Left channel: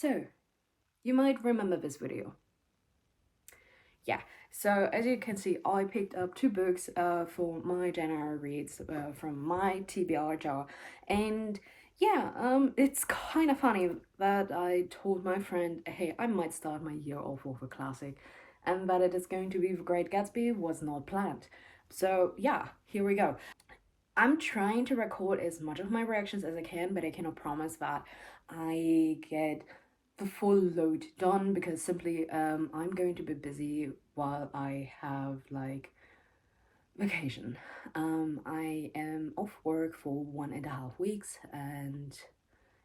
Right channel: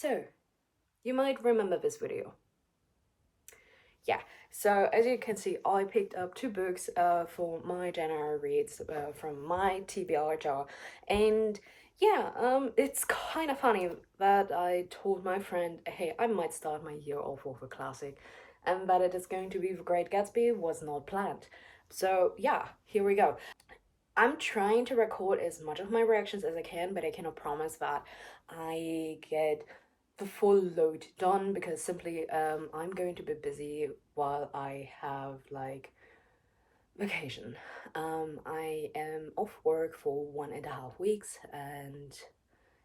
So, you might remember this video. Yeah, so as you can see, I picked up two books for my January reads from my TBR jar. And yeah, it's kind of funny that I told my friend, hey, I might start my year off with a classic, and that it is going to be The Great Gatsby was not planned. So yeah, here we go. I'm trying to record as much of my reactions as I can, but I cannot promise that I get the full load done because simply I'm going to be busy while I have like vacation. I am off work for 1.5 weeks, and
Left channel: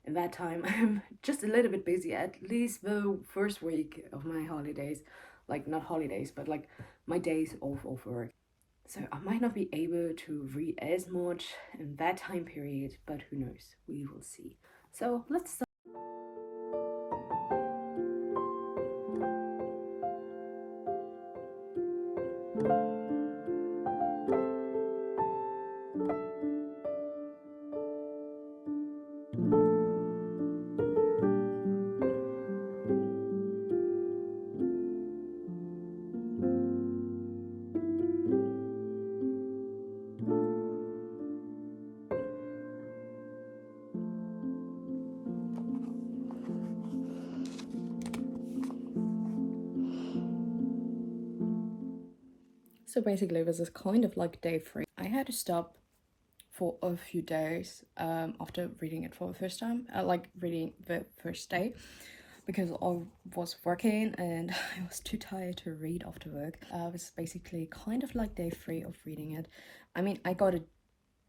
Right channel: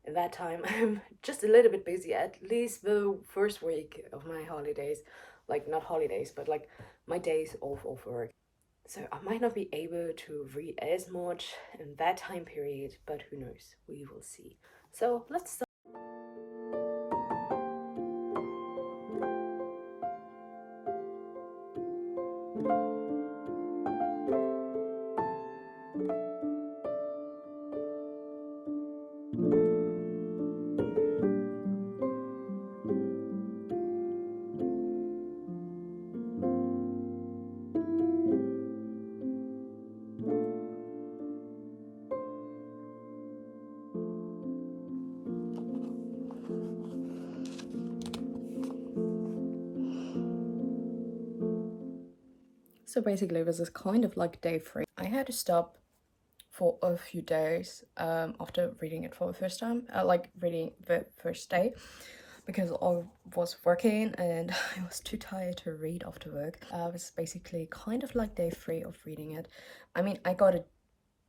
in that time I'm just a little bit busy, at least the first week of my holidays, like not holidays, but like my days off of work. So I might not be able to read as much in that time period, but who knows? We will see. So let's start. So basically, this is kind of like day 3. I had to stop for a few days after reading it for the first time, like reading the first day, because I was working and I was too tired to read after work. It was basically kind of like day 3 of reading it. I mean, I got a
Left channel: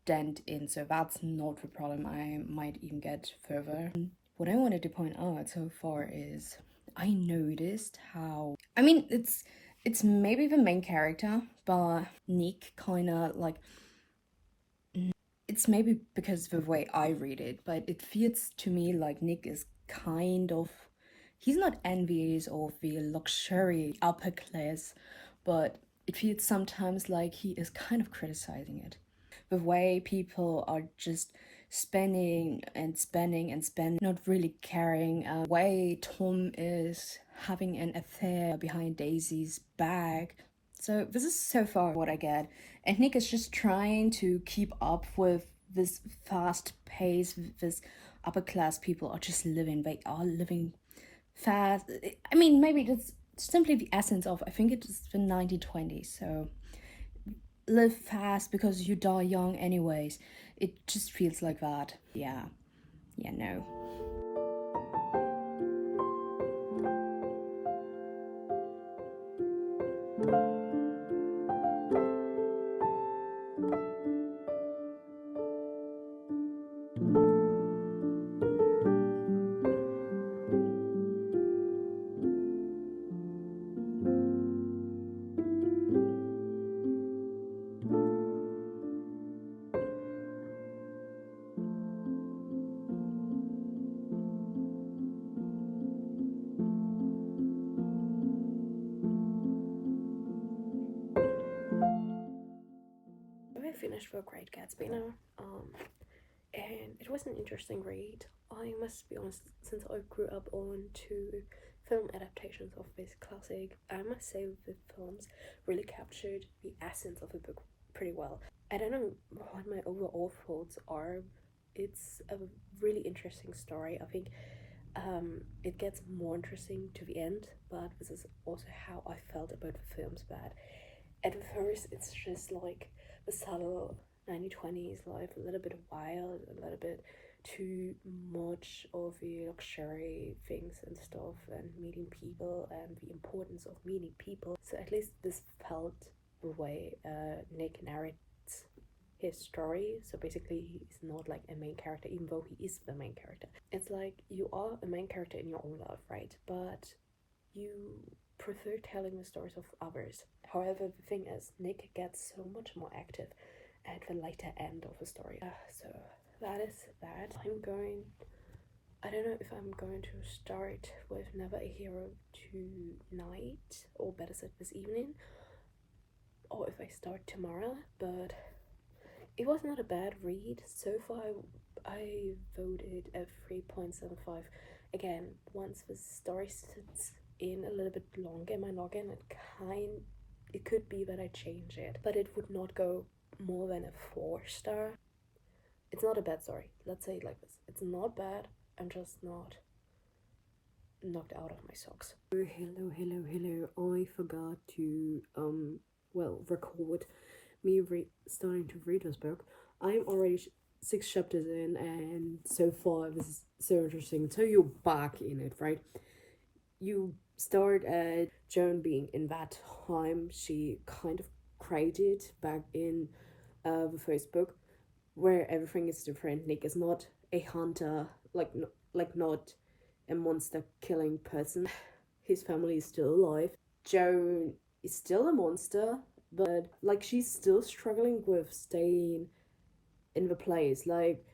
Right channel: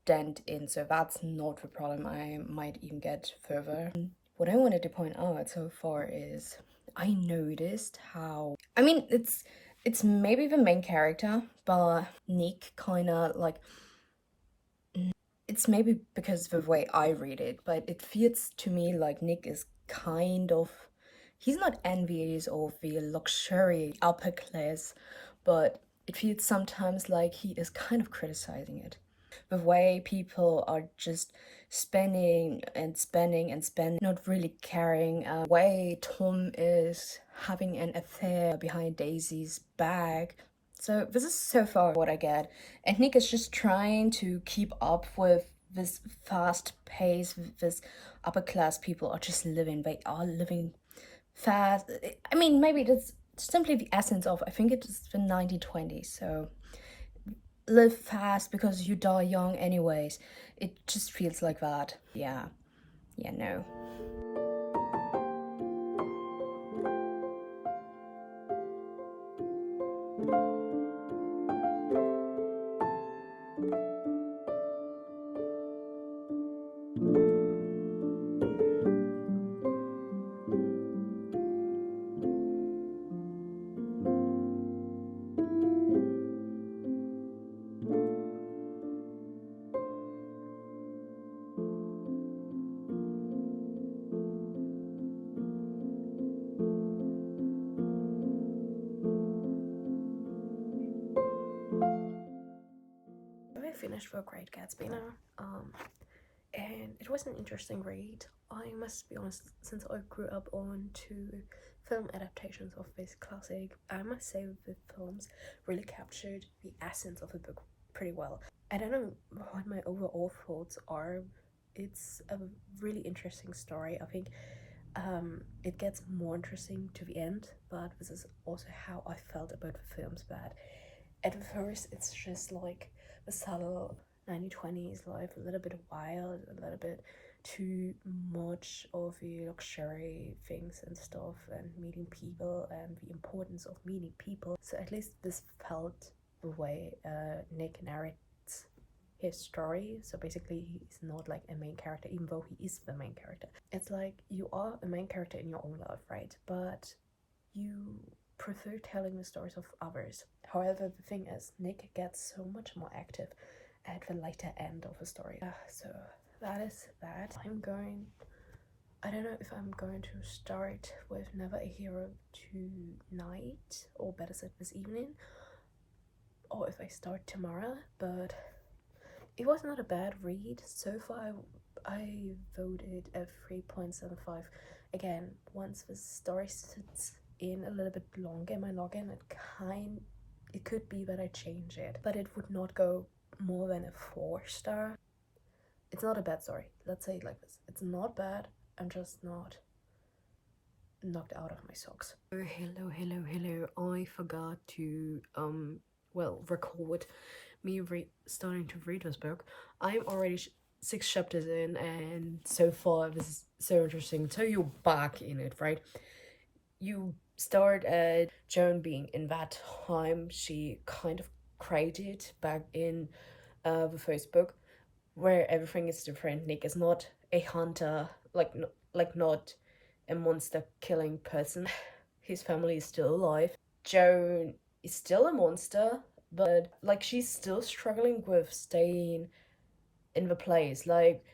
dent in, so that's not the problem. I might even get further. What I wanted to point out so far is I noticed how, I mean, it's maybe the main character, but Nick kind of like, it's maybe because of the way I read it, but it feels to me like Nick is kind of, he's not envious of the luxury upper class, but it feels sometimes like he is kind of criticizing it. The way people are just spending and spending and spending, not really caring. The way Tom is having an affair behind Daisy's back. So this is so far what I get. And Nick is just trying to keep up with this fast pace, this upper class people are just living. They are living fast. I mean, maybe that's simply the essence of, I think it's the 1920s. So live fast because you die young anyways. It just feels like that. Yeah, no. I finished The Great Gatsby now, and it was an interesting read. I must be honest, since I grew up on two film adaptations of this classic, I must say the films really captured the essence of the book pretty well. I don't know what my overall thoughts are. It's a really interesting story. I think it gets more interesting to the end, but this is also how I felt about the films. But at first, it's just like the subtle 1920s life, a little bit wild, a little bit too much of the luxury things and stuff, and meeting people and the importance of meeting people. So at least this felt the way Nick narrates his story. So basically, he's not like a main character, even though he is the main character. It's like you are a main character in your own life, right? But you prefer telling the stories of others. However, the thing is, Nick gets so much more active at the later end of the story. So that is that. I don't know if I'm going to start with Never a Hero tonight, or better said this evening, or if I start tomorrow, but it was not a bad read. So far, I voted a 3.75 Again, once the story sits in a little bit longer in my noggin, it could be that I change it, but it would not go more than a 4-star. It's not a bad story. Let's say it like this. It's not bad. I'm just not knocked out of my socks. Oh, hello. I forgot to record me starting to read this book. I'm already 6 chapters in, and so far this is so interesting. So you're back in it, right? You start at Joan being in that time she kind of created back in the first book, where everything is different. Nick is not a hunter, not a monster killing person. His family is still alive. Joan is still a monster, but like she's still struggling with staying in the place. Like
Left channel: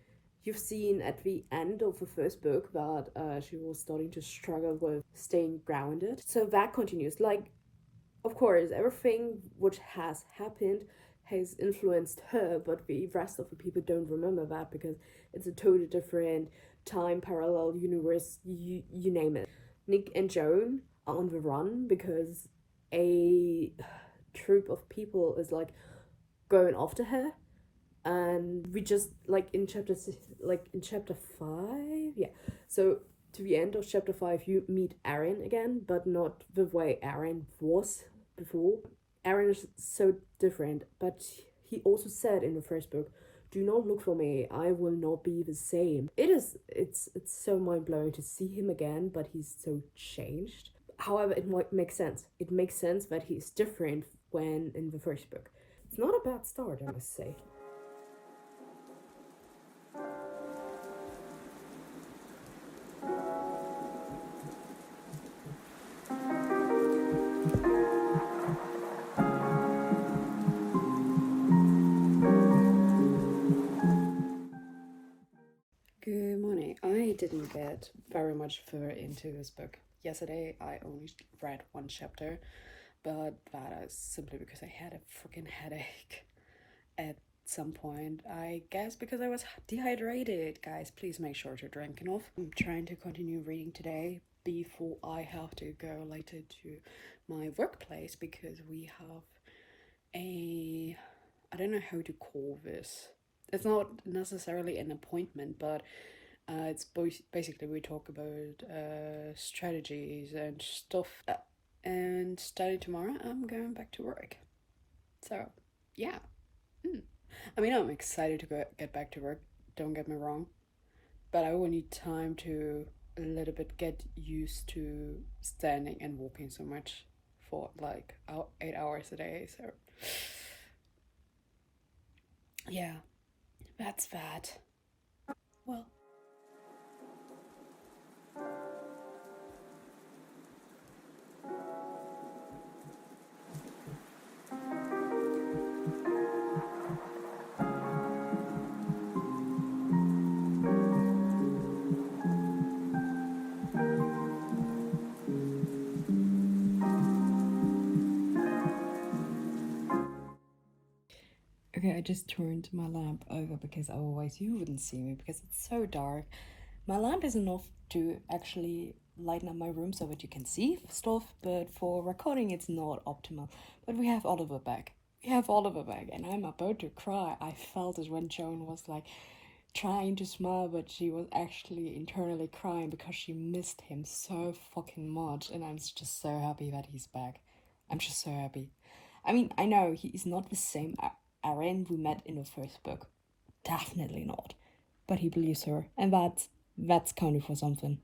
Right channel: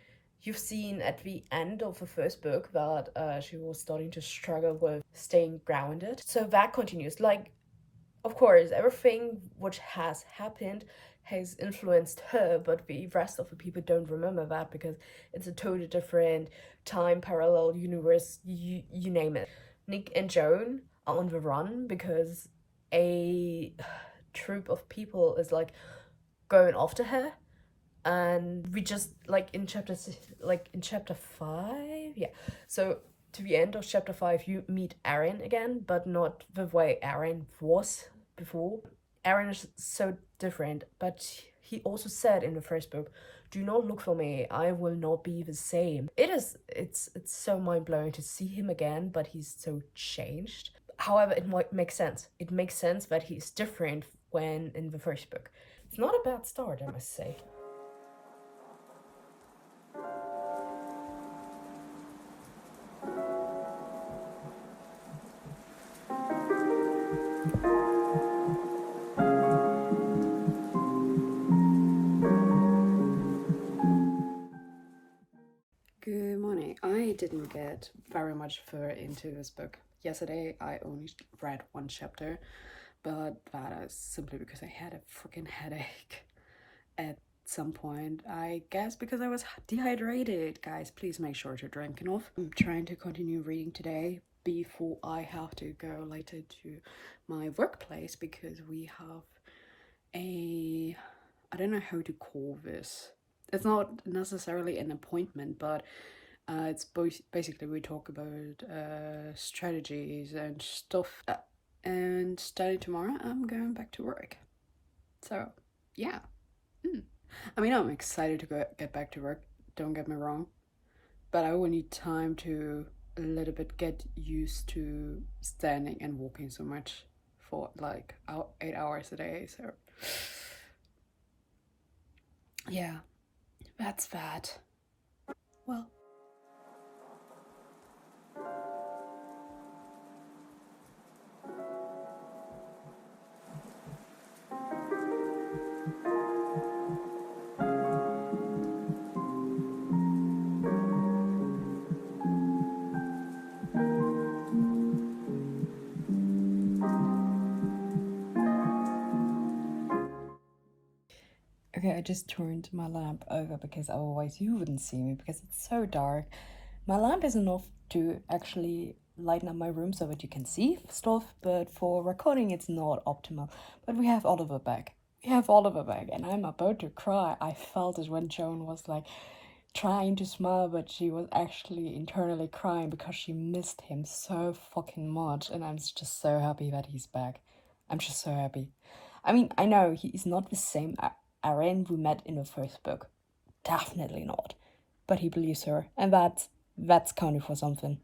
you've seen at the end of the first book that she was starting to struggle with staying grounded. So that continues. Like, of course, everything which has happened has influenced her, but the rest of the people don't remember that because it's a totally different time, parallel universe, you name it. Nick and Joan are on the run because a troop of people is like going after her, and we just in chapter 5, yeah. So to the end of chapter 5, you meet Aaron again, but not the way Aaron was before. Aaron is so different, but he also said in the first book, "Do not look for me. I will not be the same." It's so mind blowing to see him again, but he's so changed. However, it might make sense. It makes sense that he's different when in the first book. It's not a bad start, I must say. Good morning. I didn't get very much further into this book. Yesterday I only read 1 chapter, but that is simply because I had a freaking headache at some point. I guess because I was dehydrated. Guys, please make sure to drink enough. I'm trying to continue reading today before I have to go later to my workplace because we have I don't know how to call this. It's not necessarily an appointment, but it's basically we talk about strategies and stuff. And starting tomorrow, I'm going back to work. So, yeah. I mean, I'm excited to get back to work. Don't get me wrong, but I will need time to a little bit get used to standing and walking so much for 8 hours a day. So, yeah. That's that. Well. Okay, I just turned my lamp over because otherwise you wouldn't see me because it's so dark. My lamp is enough to actually lighten up my room so that you can see stuff, but for recording it's not optimal. But we have Oliver back. And I'm about to cry. I felt it when Joan was like trying to smile, but she was actually internally crying because she missed him so fucking much, and I'm just so happy that he's back. I'm just so happy. I mean, I know he's not the same Aaron we met in the first book. Definitely not. But he believes her, and that's counting for something.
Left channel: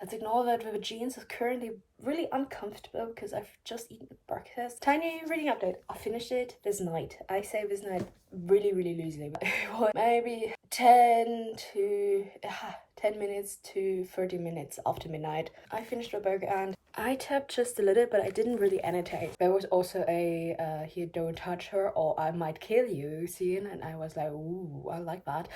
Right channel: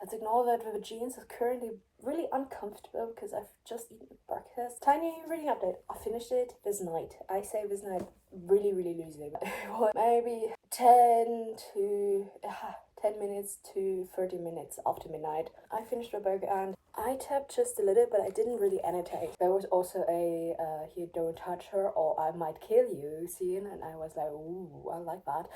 Let's ignore that the jeans is currently really uncomfortable because I've just eaten breakfast. Tiny reading update. I finished it this night. I say this night really loosely. Maybe 10 10 minutes to 30 minutes after midnight. I finished the book and I tapped just a little, but I didn't really annotate. There was also a here, don't touch her or I might kill you scene, and I was like, ooh, I like that.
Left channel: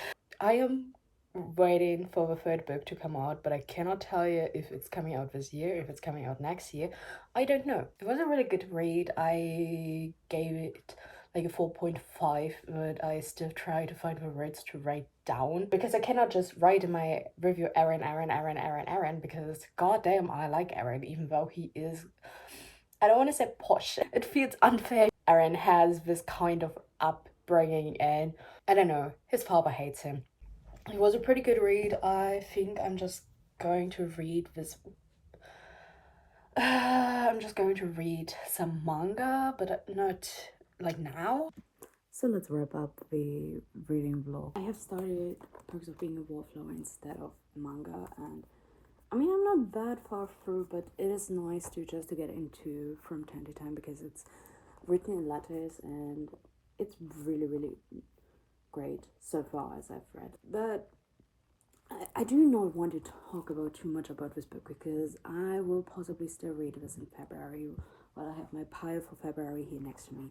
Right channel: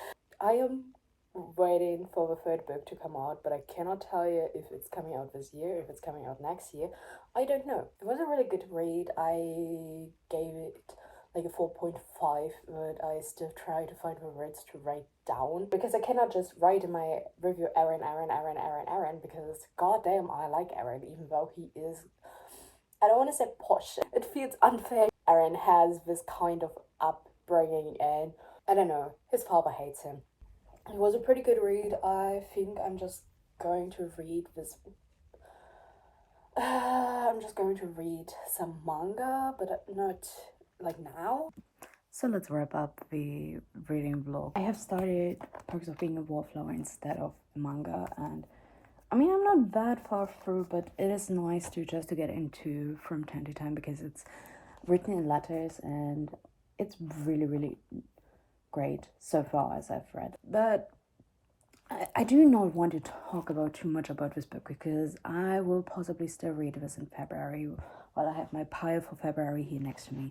I am waiting for the third book to come out, but I cannot tell you if it's coming out this year, if it's coming out next year. I don't know. It was a really good read. I gave it like a 4.5, but I still try to find the words to write down because I cannot just write in my review Aaron, because goddamn I like Aaron, even though he is, I don't want to say posh. It feels unfair. Aaron has this kind of upbringing and I don't know, his father hates him. It was a pretty good read. I think I'm just going to read this. I'm just going to read some manga, but not like now. So let's wrap up the reading vlog. I have started Perks of Being a Wallflower instead of manga, and I mean I'm not that far through, but it is nice to just to get into from time to time because it's written in letters and it's really great so far as I've read. But I do not want to talk about too much about this book because I will possibly still read this in February while I have my pile for February here next to me.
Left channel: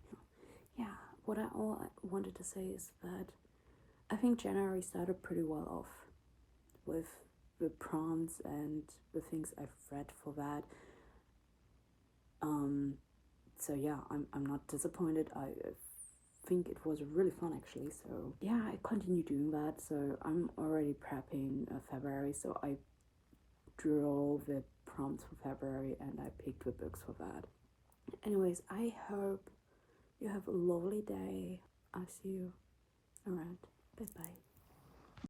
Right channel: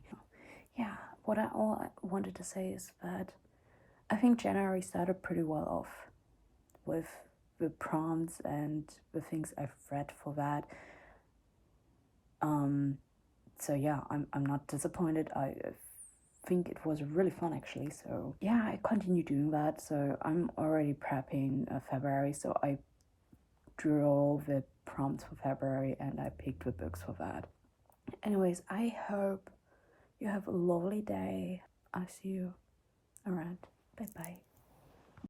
Yeah, all I wanted to say is that I think January started pretty well off with the prompts and the things I've read for that. So yeah, I'm not disappointed. I think it was really fun actually, so yeah, I continue doing that. So I'm already prepping February, so I drew all the prompts for February and I picked the books for that. Anyways, I hope you have a lovely day. I'll see you around. Bye bye.